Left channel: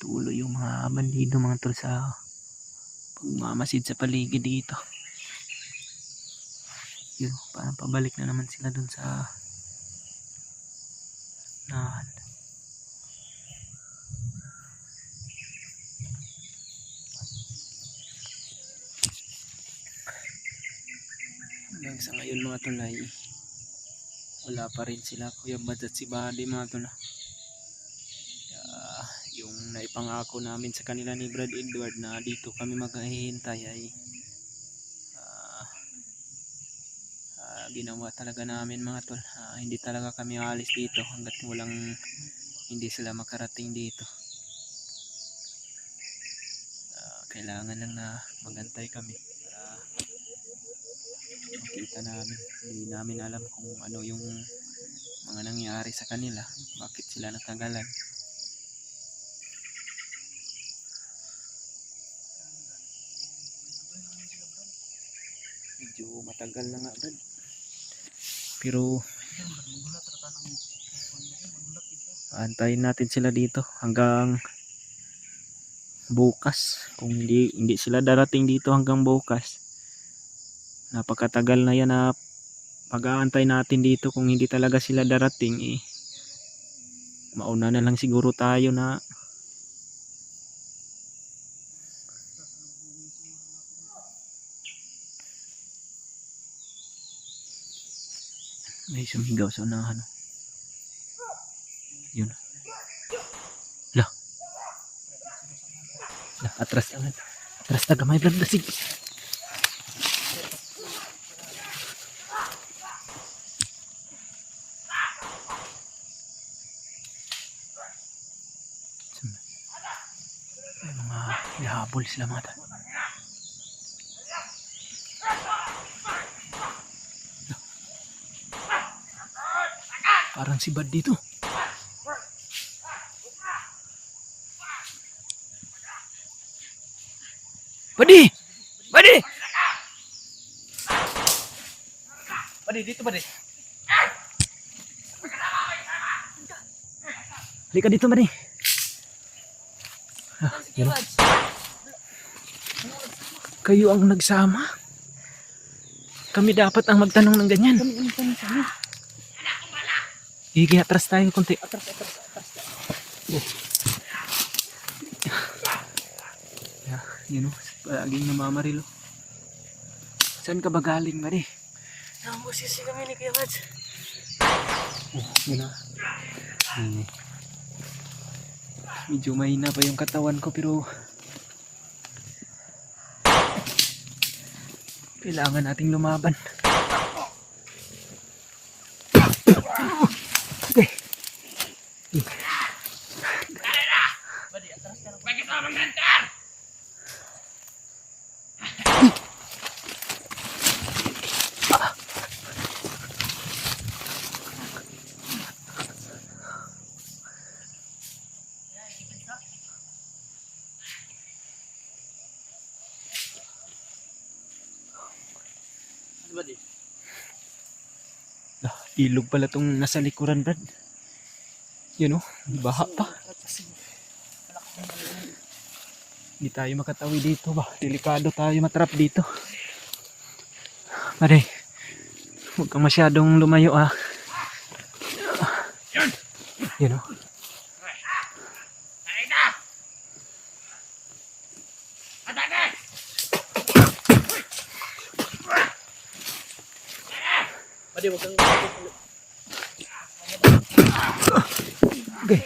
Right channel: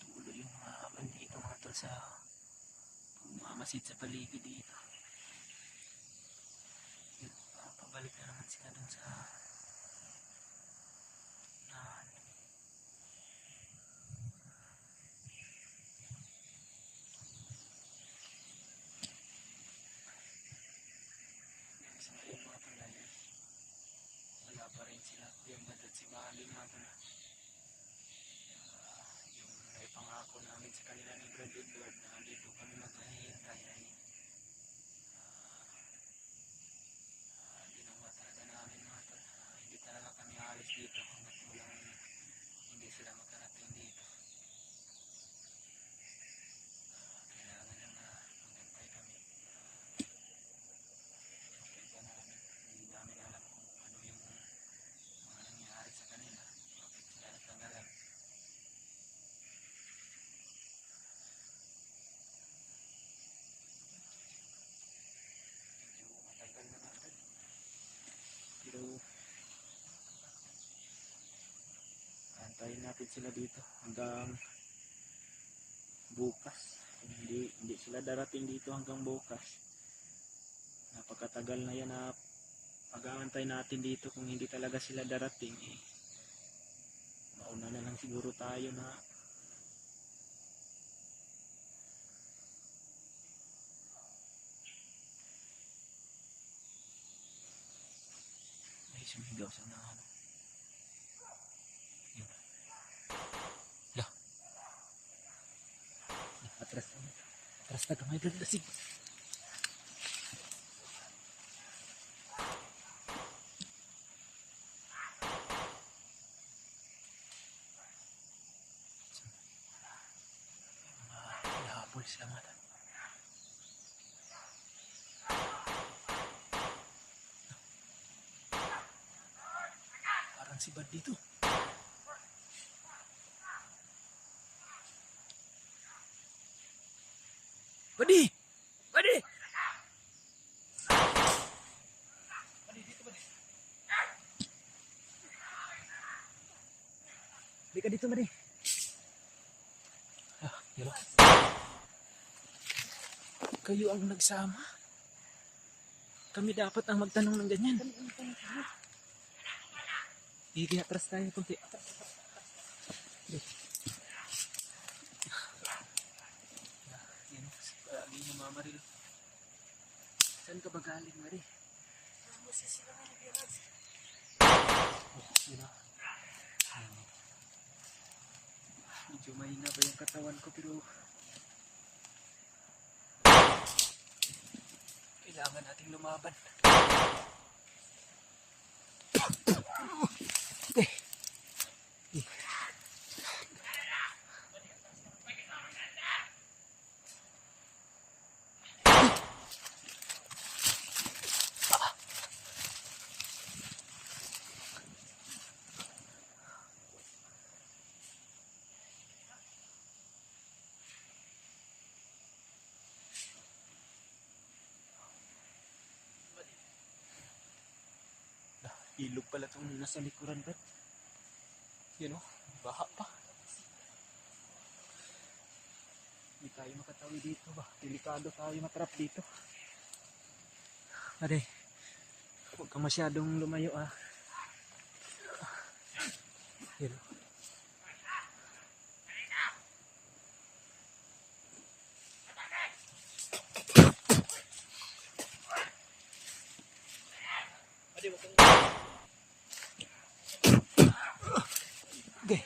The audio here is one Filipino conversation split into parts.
Tuloy yung mga bandido mga tol sa pagmamasid sa paligid dito. Yun, parang pabalik na naman sila dun sa nahan. Hanggang sa ngayon mga tol ay wala pa rin sila Kuya Bads at si Buddy mga tol. Yung naipangako namin sa kanila ni Brad Edward na dito kami maghihintay ay ginawa talaga namin mga tol. Hindi talaga kami aalis dito hanggat hindi sila makarating dito. Kailangan lang na magantay kami para makita namin. Hindi namin alam kung ano yung mga nangyari sa kanila, bakit sila nakagalan. Medyo matagal na nga Brad, pero antayin natin sila dito hanggang bukas. Kung hindi sila darating dito hanggang bukas, napakatagal na yan na pag-aantay natin dito. Kung hindi talaga sila darating mauna na lang siguro tayo na may sumigaw sa unahan. Yun. Lah, atras na gamay Brad, sige. May mga ihabol sila mga tol. Parang si Bad dito. Badi! Badi! Badi, dito Badi. Halika dito Badi. Kayo ang nagsama. Kami dapat ang magtanong ng ganyan. Higi, atras tayo konti. Atras. Yun o, palaging namamarilo. Saan ka ba galing Badi? Nambusisi kami ni Kuya Bads. Yun o. Medyo mahina pa yung katawan ko pero kailangan nating lumaban. Okay. Ilog pala tong nasa likuran Brad. Yun o, baha pa. Hindi tayo makatawi dito ba. Delikado tayo matrap dito. Pare, huwag kang masyadong lumayo Yun o. Pwede mo kang Okay.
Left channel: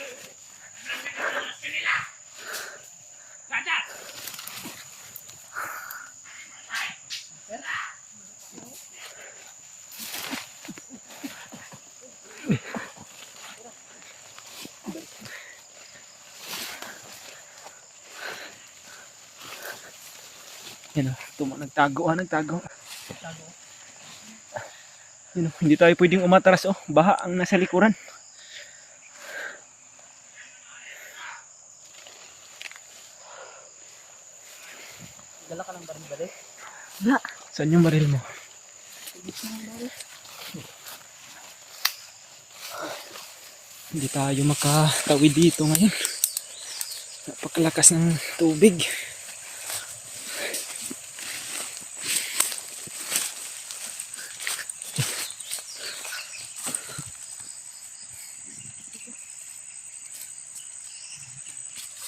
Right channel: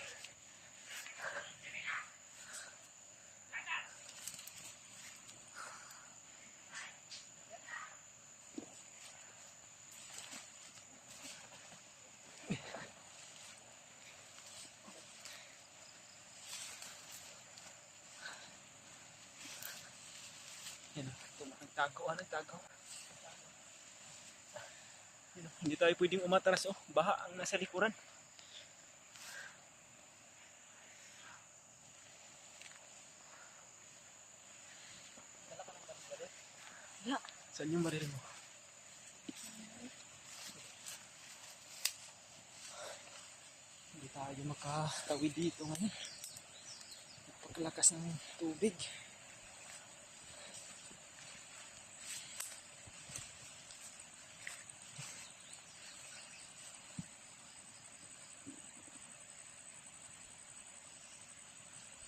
Yan o, nagtago. Yun o, hindi tayo pwedeng umatras baha ang nasa likuran. dala ka ng baril. Wala. Saan yung baril mo? Hindi tayo makatawid dito ngayon. Napakalakas ng tubig.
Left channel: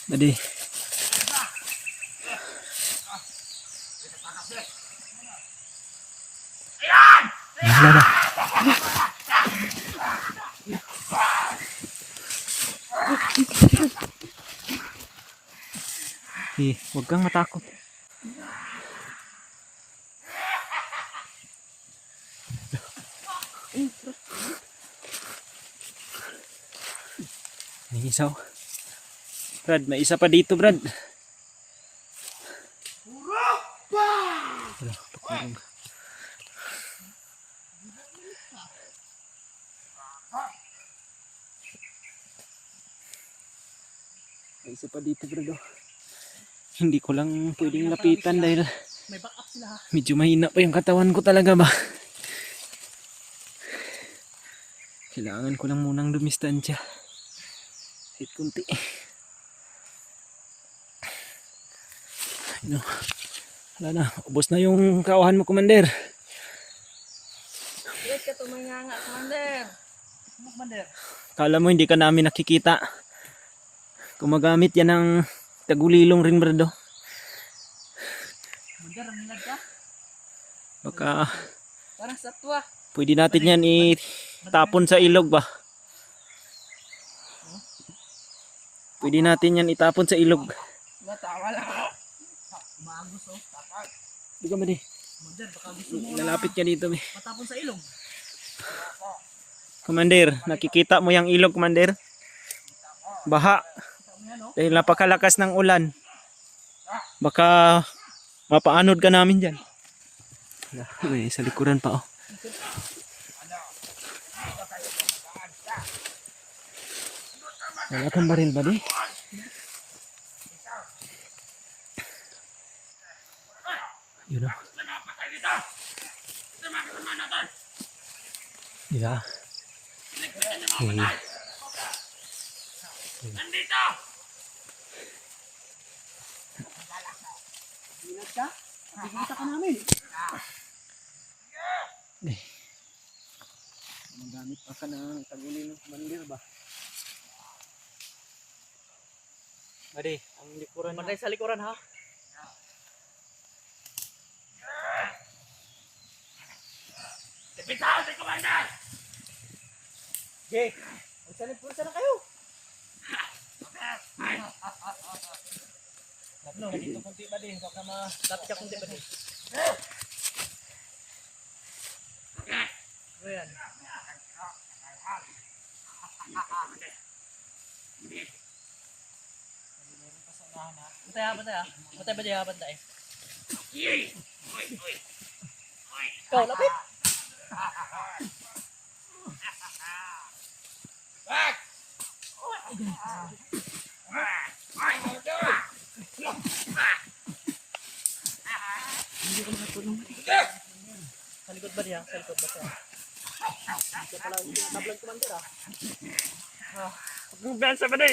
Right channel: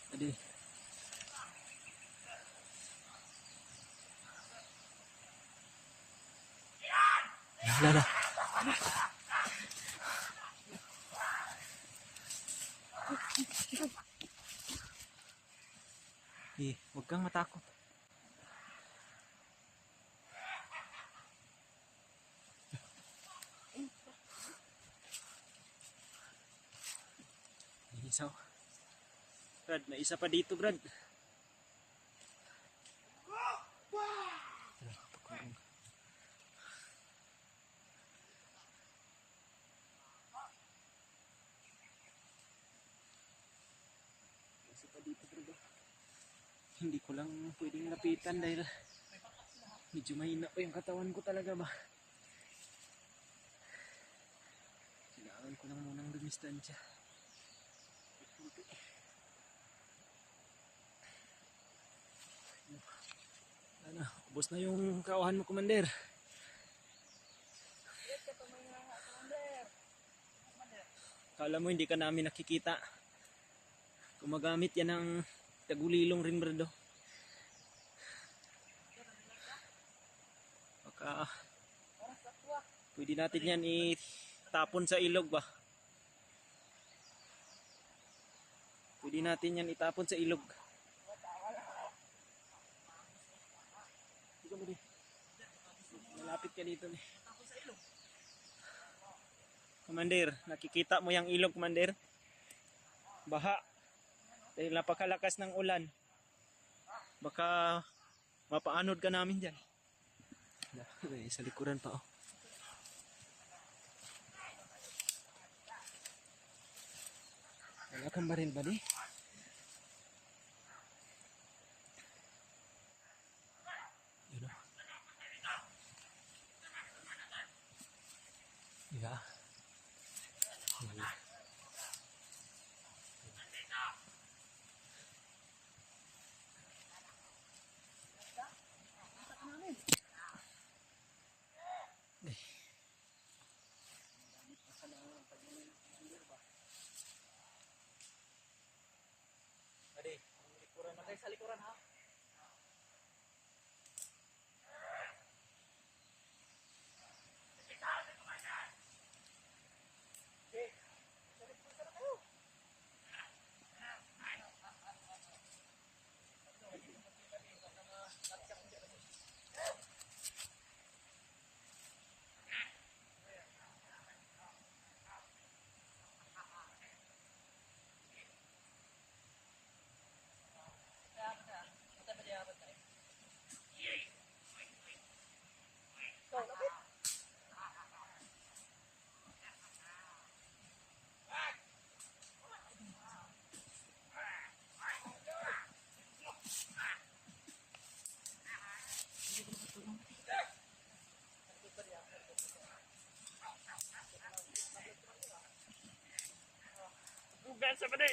Badi. Wala na. Huwag kang matakot. May isaw. Brad, may isa pa dito, Brad. Wala, pakurong. May isa pa dito, Brad. Oh. Hindi ko lang pwedeng lapitan dahil May backup sila ha. medyo mahina pa yung katawan ko talaga ba. Kailangan ko lang munang dumistansya. Kahit kunti. No. Wala na. Ubos na yung kauhan mo, Commander. Wait ka tuminganga nga, Commander. Commander. Kala mo hindi ka namin nakikita. Gumagamit yan ng tagulilong rin, Brado. Commander, ang hilad ka. Baka Parang satwa. pwede natin yan itapon sa ilog ba? Pwede natin yan itapon sa ilog. Matawa lang. Umagos oh. Tapat. Di ka ba di? Commander, baka gusto mo Lalapit ka dito. matapon sa ilog. Commander, nakikita mo yung ilog, Commander? Baha. Dahil napakalakas ng ulan. Baka mapaanod ka namin dyan. May sa likuran pa oh. Wala kang baril ba di? Yun o. Diba? Hilad ka? Nakikita ka namin. Magamit pa ka ng tagulin ng Commander ba? Badi, ang likuran na. Panday sa likuran ha. Bitaw si Commander! Okay. Magsalip-pulsa na kayo. Tatlo, dito kunti ba din? Baka ma-tapos ka kunti ba din? Ano yan? Bantay ha, bantay ha. Bantay ba di ha, bantay? Ikaw, lapit! Sa likod ba niya? Sa likod ba siya? Hindi ka pala tablang Commander ah. Pagbugan sa badi!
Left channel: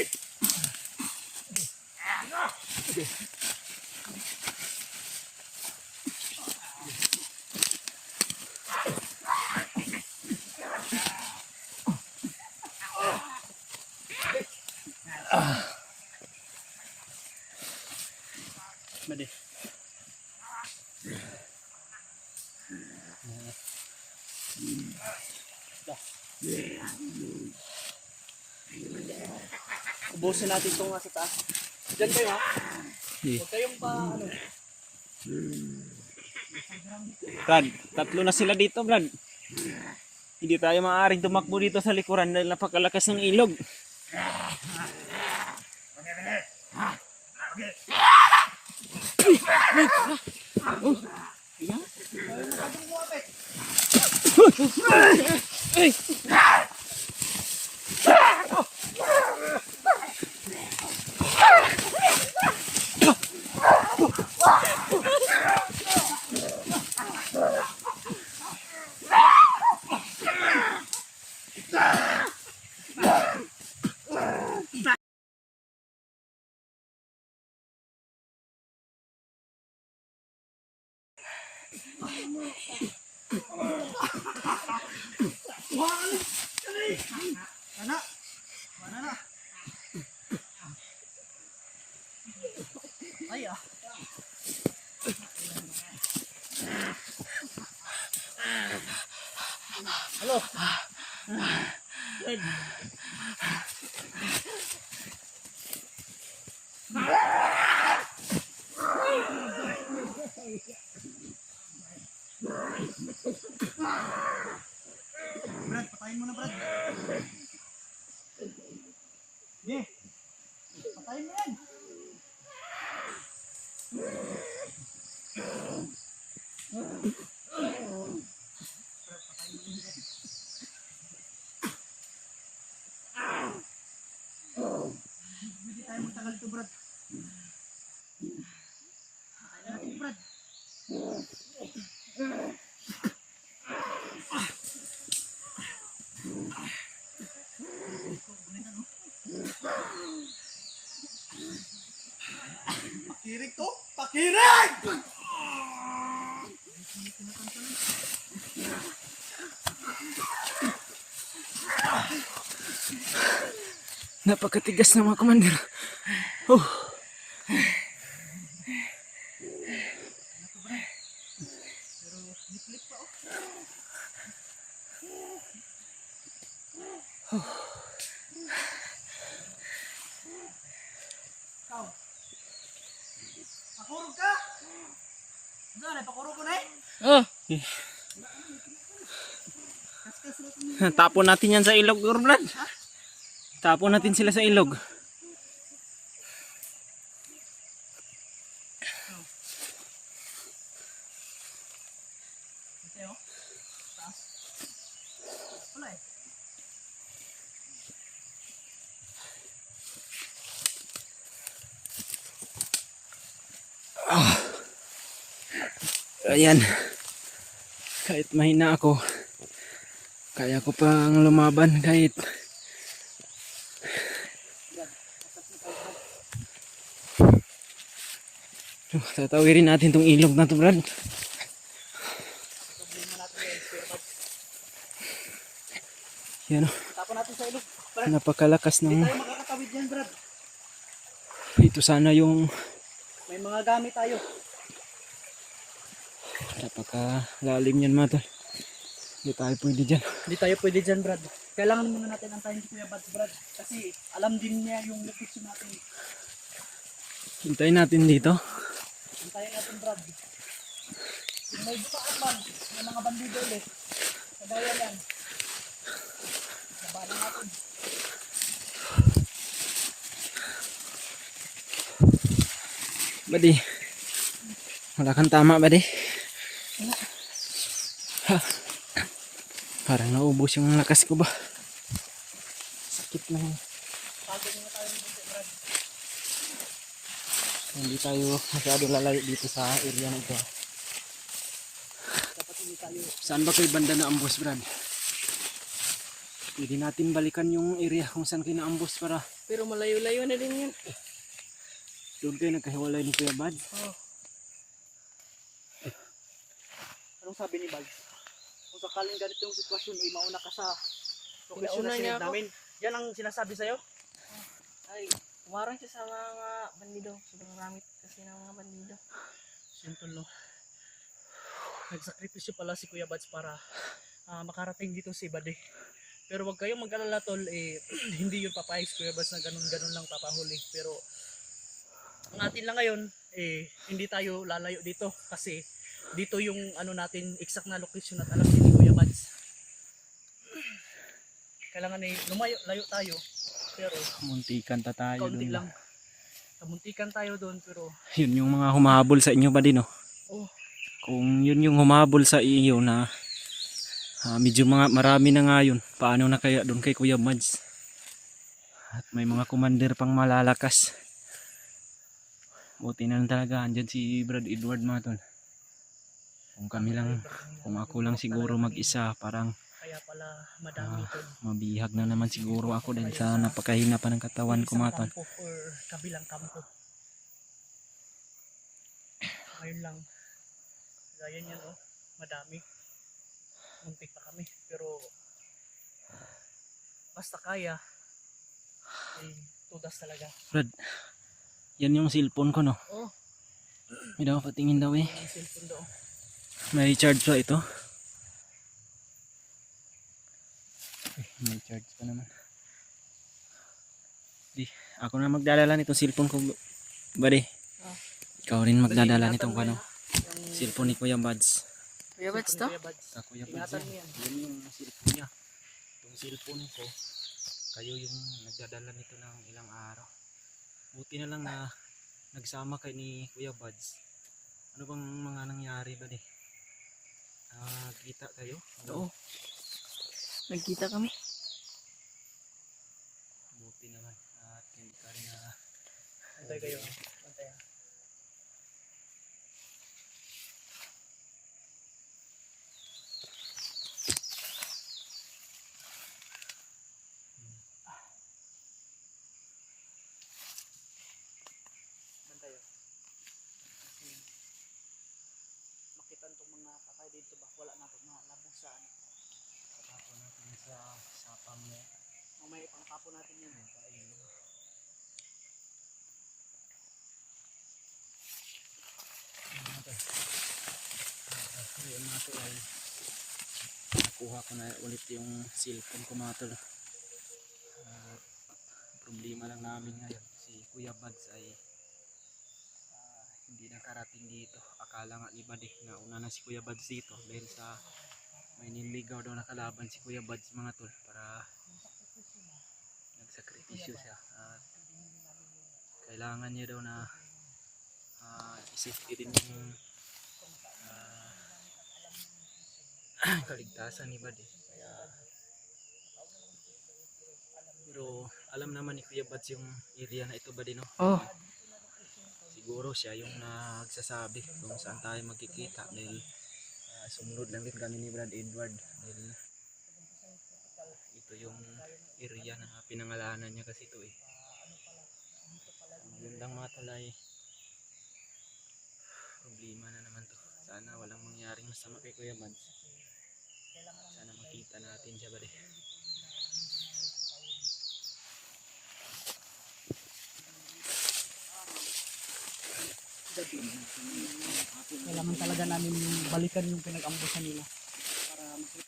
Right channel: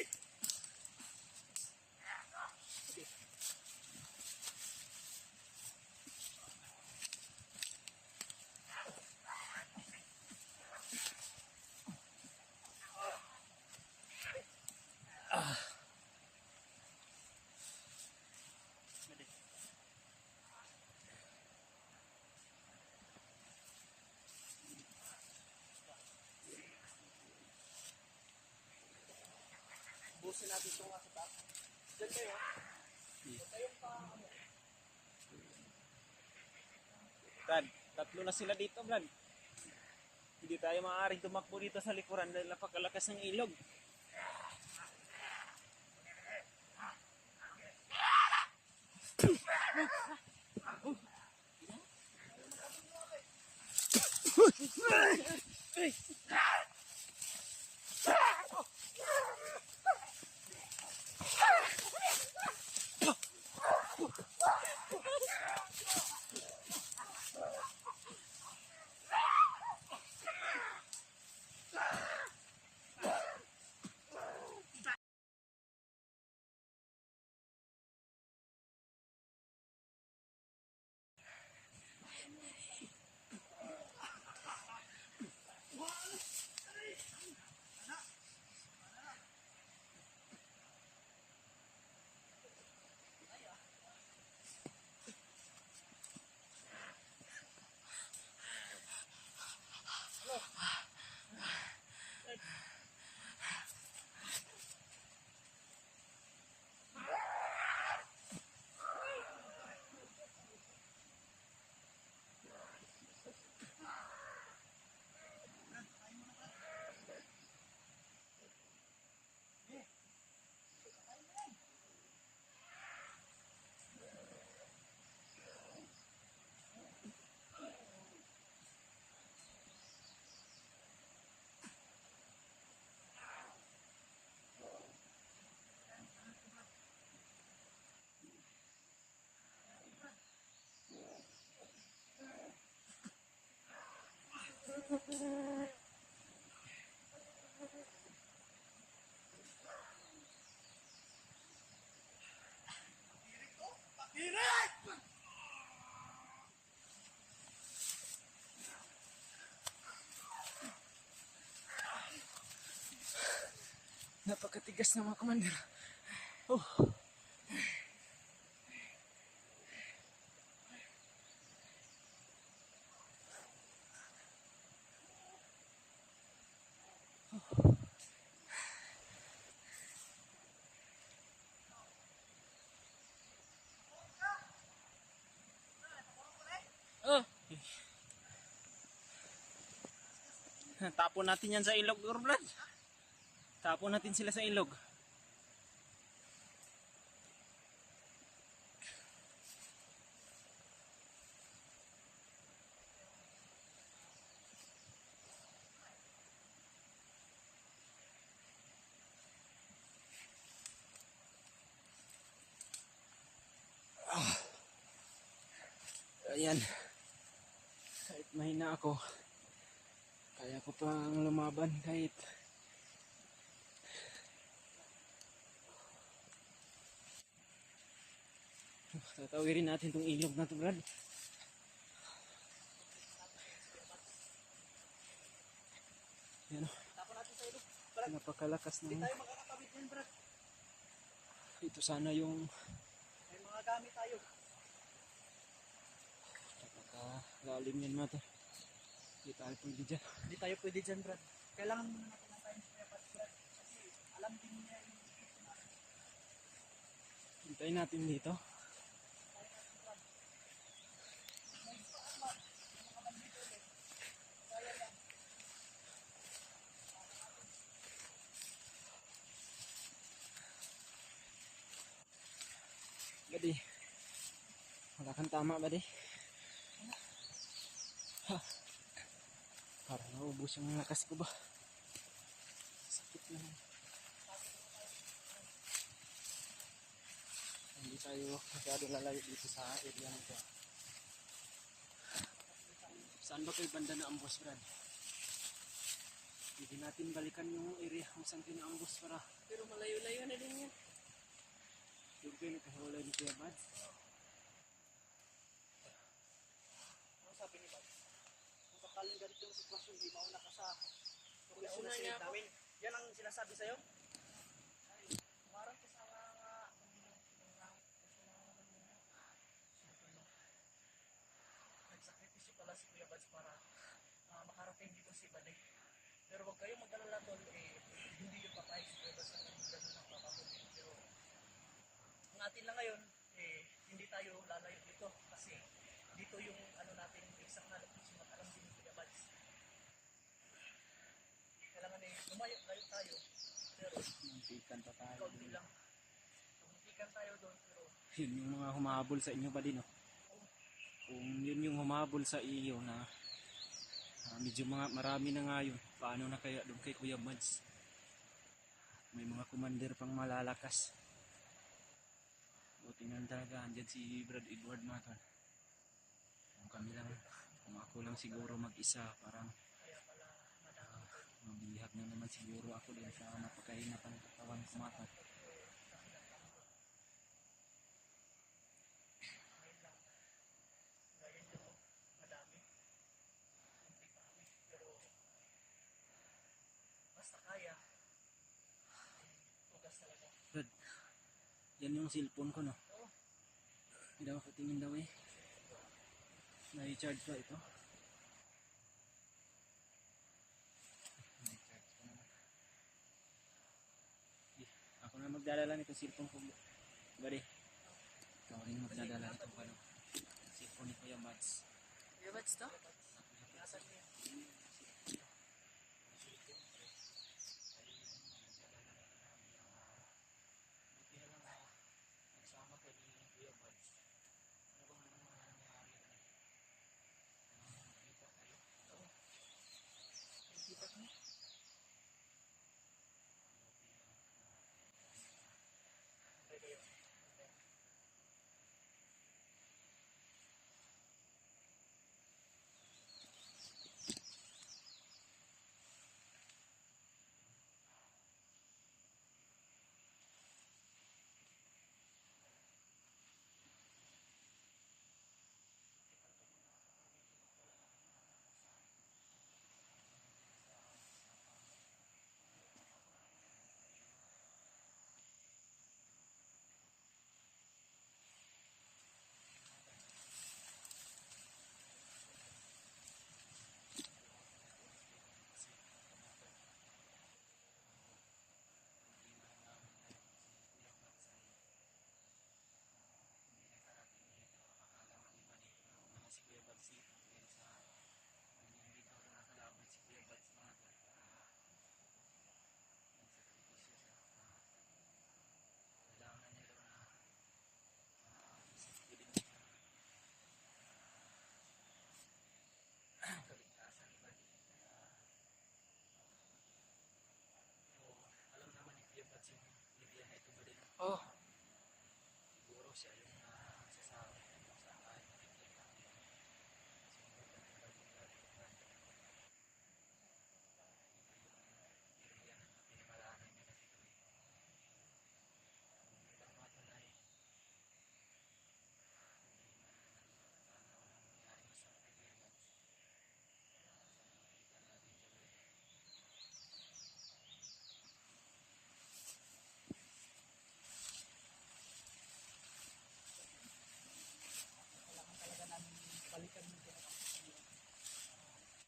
Badi. Ubusin natin itong sa taas. Diyan kayo ha. Huwag kayong pa ano. Brad, tatlo na sila dito, Brad. Hindi tayo maaaring tumakbo dito sa likuran dahil napakalakas ng ilog. Mana? Mana na? Ay ah. Halo. Red. Brad, patayin mo na, Brad. Yeah. Patayin mo yan. Hindi tayo magtagal ito, Brad. Patayin natin, Brad. Pakirig to! Pakirig! Napakatigas ng mga commander. Oh. Ikaw. Pakurog ka! Saan eh? Pakurog ko na eh? Oh. Tapon natin yan sa ilog, Brad. Tapon natin sila sa ilog. Ito oh. Taas. Wala eh. Ayan. Kahit mahina ako, kaya ko pang lumaban kahit tatawirin natin tong ilog na to, Brad. Yan o. Tapon natin sa ilog. Brad, Napakalakas hindi ng tayo makakatawid yan, Brad. ito sana yung May mga gamit tayo. napakalalim yan, mga tol. Hindi tayo pwede dyan. Hindi tayo pwede dyan, Brad. Kailangan muna natin antayin si Kuya Bads, Brad. Kasi alam din niya yung location natin. Hintayin natin dito. Antayin natin, Brad. Kung may bukaan man, may mga bandido ulit. Kagaya yan. Labanan natin. Buddy. Wala kang tama, buddy. Ha. Parang naubos yung lakas ko ba. Sakit na yun. Pagod muna tayo ng bunti, Brad. Hindi tayo masyado lalayo dito sa area na ito. Dapat hindi tayo. Saan ba kayo banda na ambush, Brad? Pwede natin balikan yung area kung saan kayo na-ambush para Pero malayo-layo na din yan. doon kayo nagkahiwalay ni Kuya Bad. Oh. Anong sabi ni Bag? Kung sakaling ganito yung sitwasyon, ay mauna ka sa location na sinid namin. Yan ang sinasabi sa'yo? Ay, umarang siya sa mga bandido. Sobrang ramit kasi ng mga bandido. Simple no. Nagsakripisyo pala si Kuya Bads para makarating dito si Bade. Pero wag kayong mag-alala tol, hindi yun papayag si Kuya Bads na ganun-ganun lang papahuli. Pero ang atin lang ngayon, hindi tayo lalayo dito kasi dito yung ano natin, exact na location at alam ni Kuya Bads. Kailangan lumayo tayo, pero Muntikan ta tayo kaunti doon. lang. Kamuntikan tayo doon, pero Yun yung mga humahabol sa inyo ba din, no? oh, Kung yun yung humahabol sa iyo na medyo marami na nga yun, paano na kaya doon kay Kuya Mads? At may mga commander pang malalakas. Buti na lang talaga andyan si Brad Edward, mga tol. Kung ako lang siguro mag-isa, parang kaya pala madami tol. mabihag na naman siguro ako dahil sa napakahina pa ng katawan ko, mga tol. Kampo or kabilang kampo. Ngayon lang. Gaya niyan oh. madami. Muntik pa kami. Pero basta kaya, eh, tudas talaga. Brad, yan yung cellphone ko, no? Oh, May daw patingin daw eh. yung cellphone doon. May charge pa ito. May charge pa naman. Di, ako na magdadala nitong cellphone ko, buddy. Ah. Ikaw rin magdadala Ingatan nitong mo ano, yan, ha? Yung cellphone ni Kuya Buds. Kuya Bats to? Kuya Buds. Kuya Buds Ingatan yan. mo yan. Yan yung cellphone niya. Yung cellphone ko, kayo yung nagdadala nito ng ilang araw. Buti na lang na nagsama kay ni Kuya Buds. Ano bang mga nangyari ba di? Kita kayo? Oo. Nagkita kami. Buti naman at hindi ka rin na Antay kayo. Antay, ha? Antay, ha? Kasi makita itong mga kakay dito ba? Wala na itong mga labusan. tapon natin sa sapang mo. Mamaya ipangtapon natin yun. Ngayon mga tol ay nakuha ko na ulit yung cellphone ko mga tol. Problema lang namin ngayon si Kuya Buds ay hindi nakarating dito. Akala nga iba di nauna na si Kuya Buds dito dahil sa may niligaw daw na kalaban si Kuya Buds mga tol para nagsakripisyo siya at kailangan niya daw na isipin din yung kaligtasan ni Buddy. Kaya, pero alam naman ni Kuya Buds yung area na ito Buddy, no? Oh. Siguro siya yung nagsasabi kung saan tayo magkikita dahil sumunod lang din kami ni Brad Edward dahil ito yung area na pinangalanan niya kasi ito eh. Yun lang mga talay. Problema na naman to. Sana walang mangyaring masama kay Kuya Buds. Sana makita natin siya Buddy. Kailangan talaga namin balikan yung pinag-ambusan nila.